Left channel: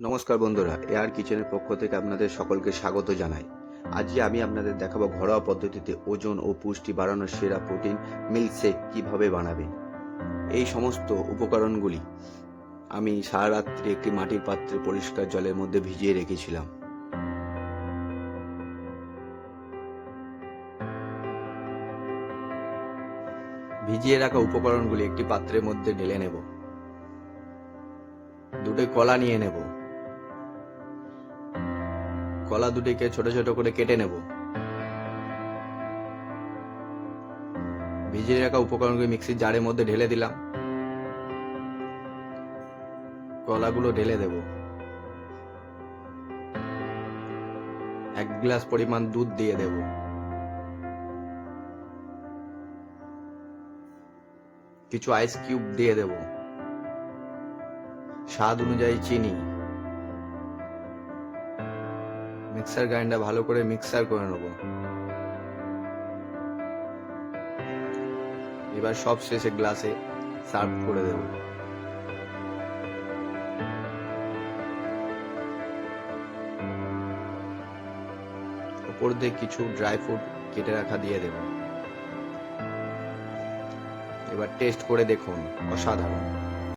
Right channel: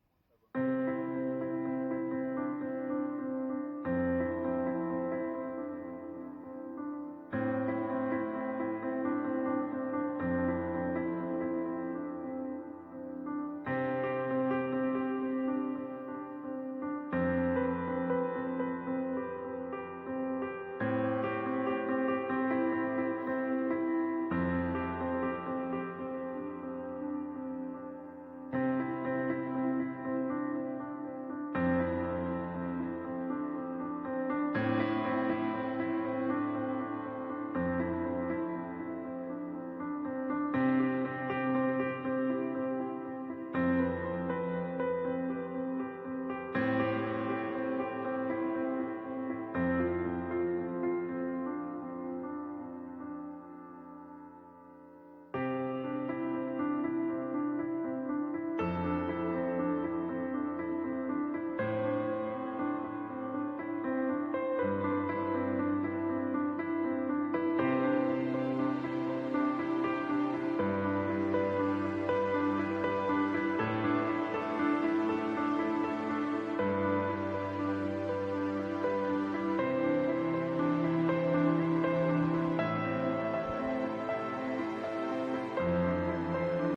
নমস্কার বন্ধুরা এয়ার কিচেনের পক্ষ থেকে আপনাদের সকলকে স্বাগত জানাই। আজকে আমি আপনাদের দেখাবো ঘরোয়া পদ্ধতিতে ওজন ও পুষ্টি বাড়ানোর সেরা প্রোটিন মিল্কশেক কীভাবে বানাবেন। এই সমস্ত উপকরণগুলি আমি সারা রাত্রি একটি মাটির পাত্রে পরিষ্কার জলের মধ্যে ভিজিয়ে রেখেছিলাম। ভিজিয়ে রাখা উপকরণগুলি একটি পাত্রের মধ্যে ঢেলে নেব। দুটো কলা নিয়ে নেব। কলা দুটিকে ছোট ছোট করে কেটে নেব। ভিজিয়ে রাখা উপকরণগুলি মিক্সির জারের মধ্যে ঢেলে দিলাম। কলাগুলো ঢেলে দেব। এক গ্লাস পরিমাণ দুধ দিয়ে দেব। কিছু আইস কিউব দিয়ে দেব। স্বাদ অনুযায়ী চিনি। মিক্সার গ্রাইন্ডার ভালো করে মিক্সার করে নেব। এবার সব শেষে গ্লাসে সার্ভ করে দেব। উপর দিয়ে কিছু ড্রাই ফ্রুট কেটে রাখা দিয়ে দেব। এবার টেস্ট করে দেখুন, অসাধারণ।